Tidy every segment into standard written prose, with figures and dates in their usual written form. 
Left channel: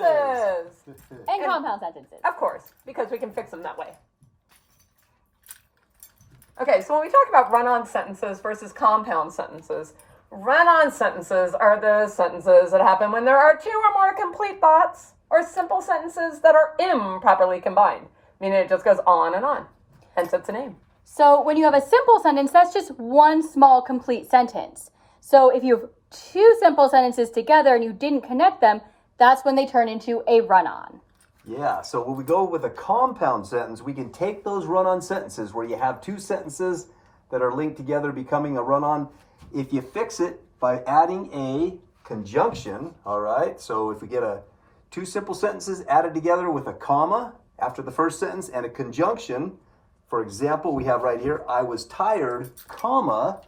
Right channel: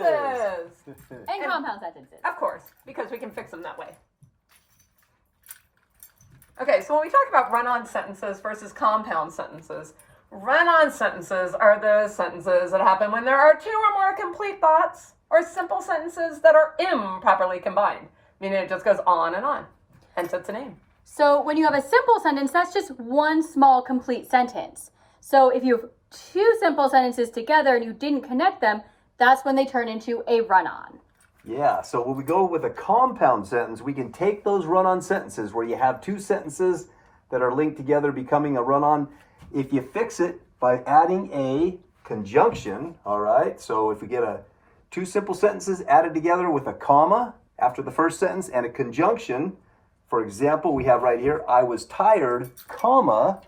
sentences. And compound sentences. Of course, because we can fix them that way. Okay, so when we talk about run-on sentences versus compound sentences, run-on sentences are the sentences that happen when there are two or more complete thoughts or simple sentences that are improperly combined, meaning it just goes on, hence it's a name. So when you have a simple sentence, that's just one small complete sentence. So if you have two simple sentences together and you didn't connect them, that's when they turn into a run-on. Yeah, so when we go with a compound sentence, we can take those run-on sentences where you have two sentences that are linked together becoming a run-on. If you fix it by adding a conjunction, all right? So if we get two simple sentences added together with a comma after the first sentence and a conjunction, for example, we have right here, I was tired, comma,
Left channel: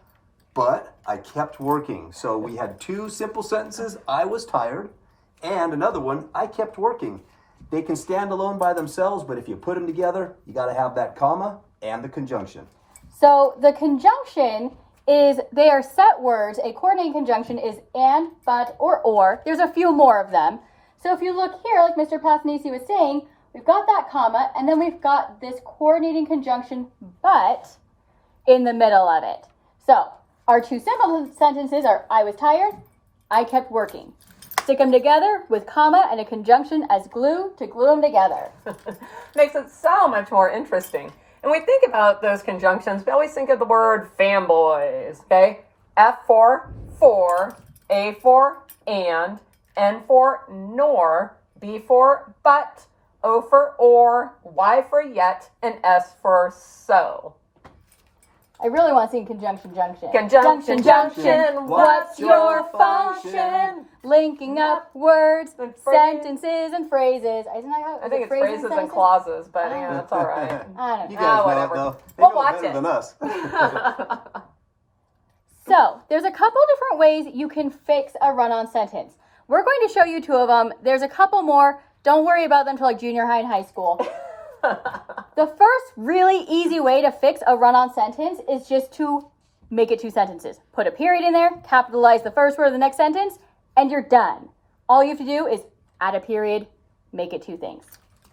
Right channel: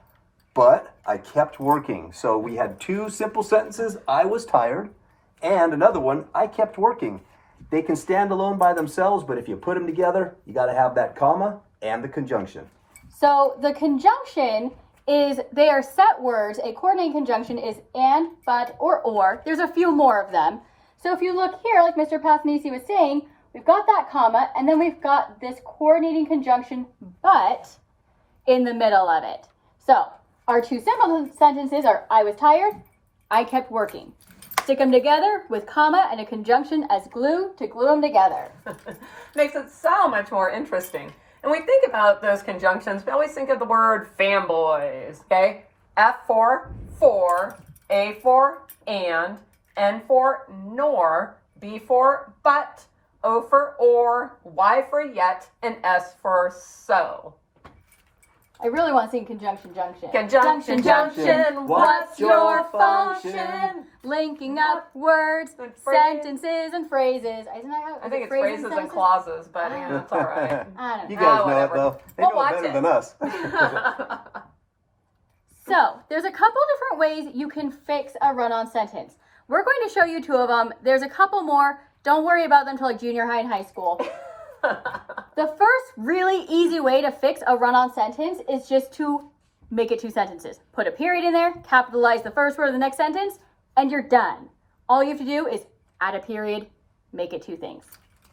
but I kept working. So we had two simple sentences, I was tired, and another one, I kept working. They can stand alone by themselves, but if you put them together, you got to have that comma and the conjunction. So the conjunction is, they are set words. A coordinating conjunction is and, but, or. There's a few more of them. So if you look here, like Mr. Pathnisi was saying, we've got that comma, and then we've got this coordinating conjunction, but, in the middle of it. So our two simple sentences are, I was tired, I kept working. Stick them together with comma and a conjunction as glue to glue them together. Makes it so much more interesting. And we think about those conjunctions, we always think of the word fanboys, okay? F for, A for, and, N for, nor, B for, but, O for, or, Y for, yet, and S for, so. I really want to sing conjunction junction. Conjunction junction, what's your function? Linking up words, And phrase- sentences, and phrases. Isn't that how? I think it's phrases and clauses, but yeah, that's all right. I don't You know. guys know it, whatever. though. They We'll know it watch better it. than us. So, there's a couple different ways you can fix a run-on sentence. We're going to show you two of them. There's a couple more. Don't worry about them until like junior high and high school. The first really easy way to fix a run-on sentence is just to make it two sentences. Put a period in there, capitalize the first word of the next sentence, and you're done. All you have to do is add a period, make it two things.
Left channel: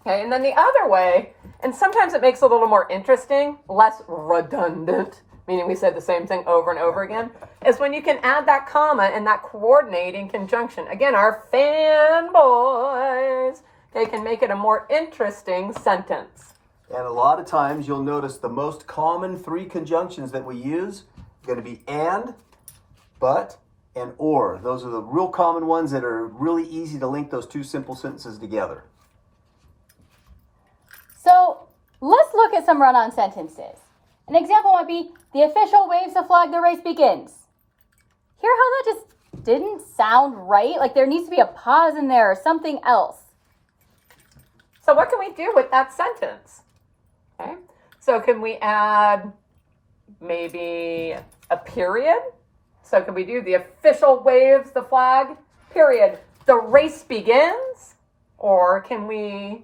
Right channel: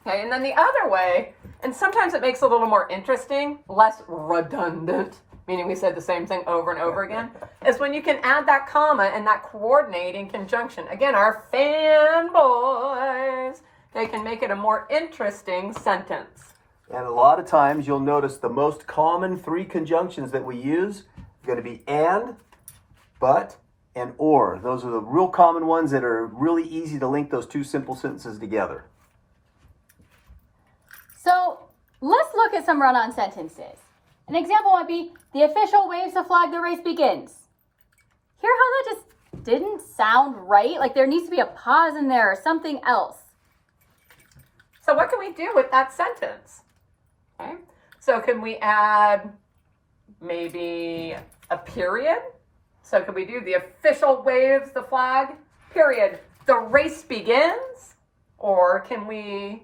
Okay, and then the other way, and sometimes it makes it a little more interesting, less redundant, meaning we said the same thing over and over again, is when you can add that comma and that coordinating conjunction. Again, our fanboys, they can make it a more interesting sentence. And a lot of times you'll notice the most common three conjunctions that we use are going to be and, but, and or. Those are the real common ones that are really easy to link those two simple sentences together. So let's look at some run-on sentences. An example might be, the official waves the flag, the race begins. Hear how that just didn't sound right? Like there needs to be a pause in there or something else. So what can we do with that sentence? Okay, so can we add maybe a period? So can we do the official waves the flag, period, the race begins? Or can we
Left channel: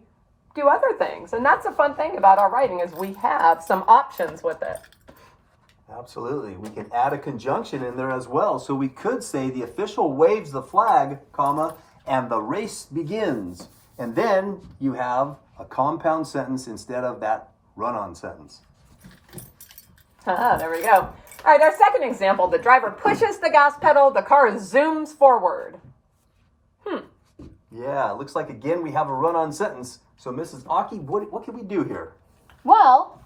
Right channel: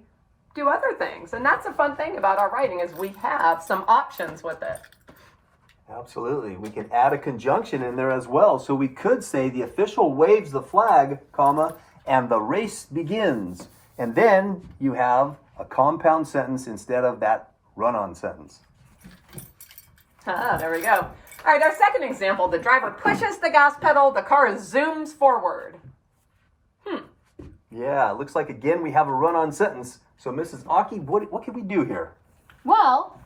do other things? And that's a fun thing about our writing is we have some options with it. Absolutely. We can add a conjunction in there as well. So we could say the official waves the flag, comma, and the race begins. And then you have a compound sentence instead of that run-on sentence. There we go. All right, our second example, the driver pushes the gas pedal, the car zooms forward. Yeah, it looks like again we have a run-on sentence. So Mrs. Aki, what can we do here? Well,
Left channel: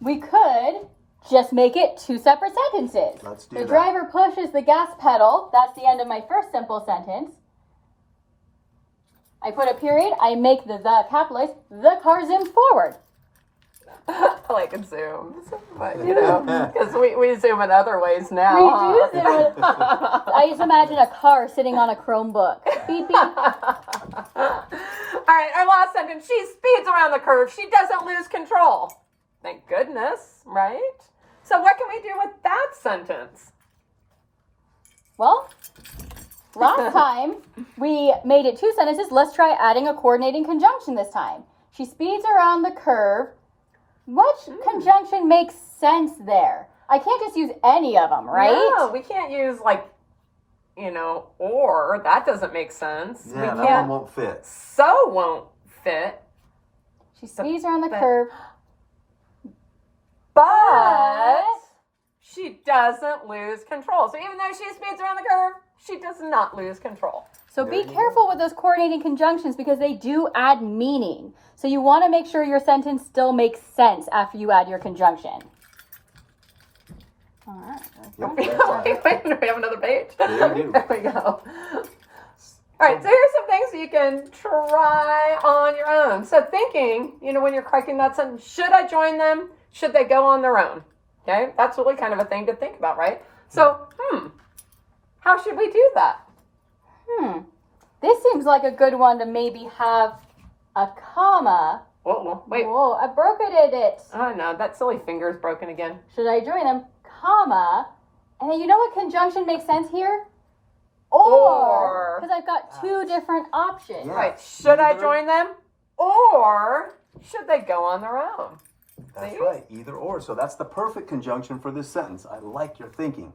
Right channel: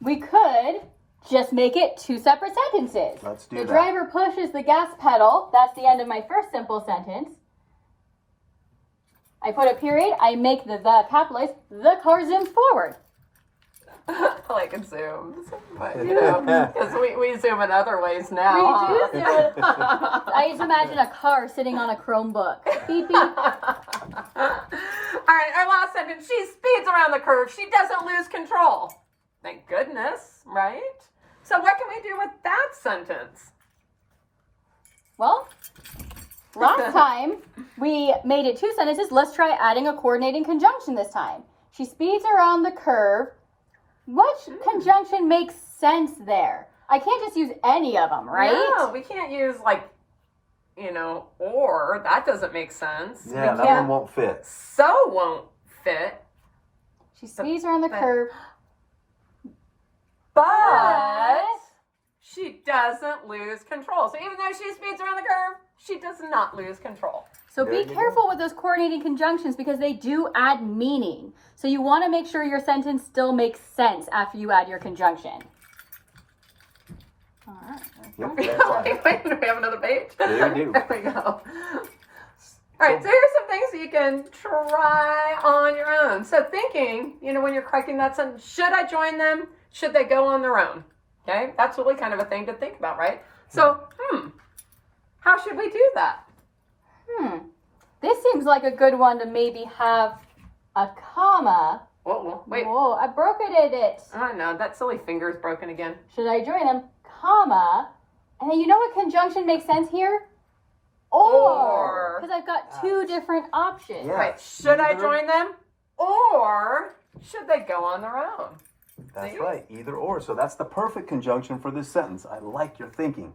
we could just make it two separate sentences. Let's do the that. driver pushes the gas pedal. That's the end of my first simple sentence. I put a period. I make the capitalized. The car zooms forward. Like it zooms, but you know, because we zoom in other ways now. We huh? do zoom in. I just imagine a car sitting on a Chromebook. Beep, beep. All right, our last sentence. She speeds around the curve. She doesn't lose control. Thank goodness, right? So what can we do with that sentence? Well, last time we made it two sentences. Let's try adding a coordinating conjunction this time. She speeds around the curve. Which conjunction makes sense there? I can't just use any of them, right? No, we can't use like or that doesn't make sense. Yeah, We that can't, one won't fit. so won't fit. She squeezed around the but- curve. But she doesn't lose control. So even though she speeds around the curve, she does not lose control. So There be you careful with those coordinating conjunctions because they do add meaning. So you want to make sure your sentence still makes sense after you add your conjunction. All right. Yep, Wait, that's fine. wait, do we have another page? Yeah, we do. There we go. All right, so here's some things you can try on your own. So thinking, when you're correcting that sentence, should I join them? Should they go on their own? Okay, that's really kind of a thing to think about, right? So, how should we do that? This seems like a good one to maybe have a comma. Whoa, wait. Whoa, I broke it. Oh no, that silly finger is broken again. Should I join them? Comma. And then you know what conjunction makes sense here? Or. Because I've got two different options. Yeah. Right, should I Either- join them? Or should they go on their own? That's See? right, either or. So that's the perfect conjunction for this sentence. I like your thinking.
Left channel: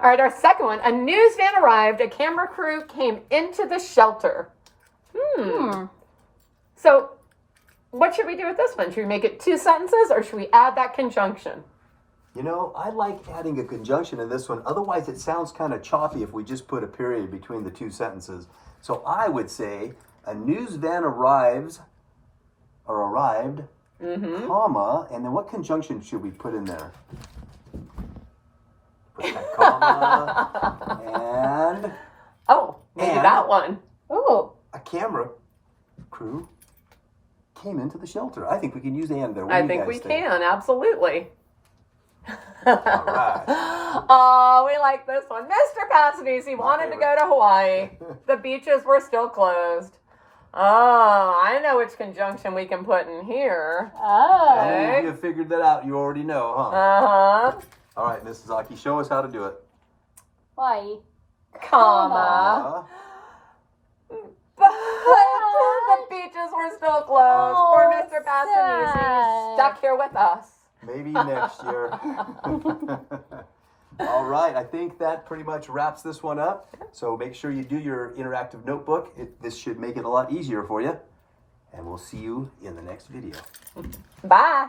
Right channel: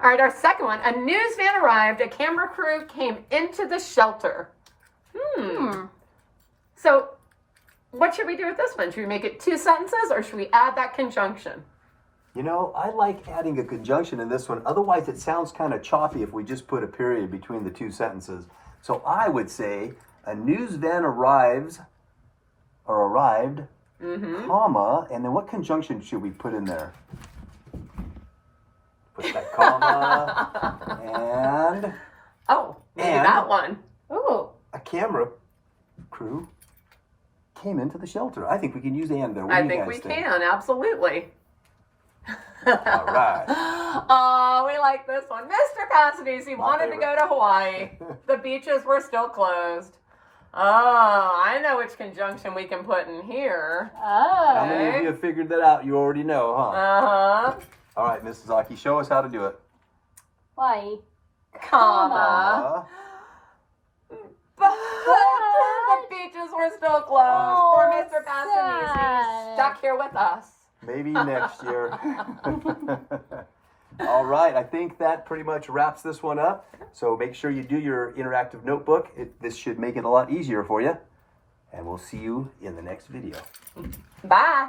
All right, our second one. A news van arrived. A camera crew came into the shelter. So, what should we do with this one? Should we make it two sentences or should we add that conjunction? I like adding a conjunction in this one. Otherwise, it sounds kind of choppy if we just put a period between the two sentences. So I would say, a news van arrived, comma, and then what conjunction should we put in there? Put that comma, and Oh, maybe And- that one. Ooh. a camera crew came into the shelter. I think we can use and there. What do I you think guys we think? can, absolutely. All right. Oh, we like this one. Mr. Cassidy, he wanted to go to Hawaii. The beaches were still closed. Oh, I know which conjunction we can put in here. Oh. How many of you have figured that out? You already know, huh? Uh-huh. All right, Mrs. Aki, show us how to do it. Why? Comma. But the beaches were still closed. Poor Mr. Cassidy, sad. stuck here with us. Maybe next year. All right, I think that pretty much wraps this one up. So make sure you do your interactive notebook. This should make it a lot easier for you. And we'll see you in the next video. Bye.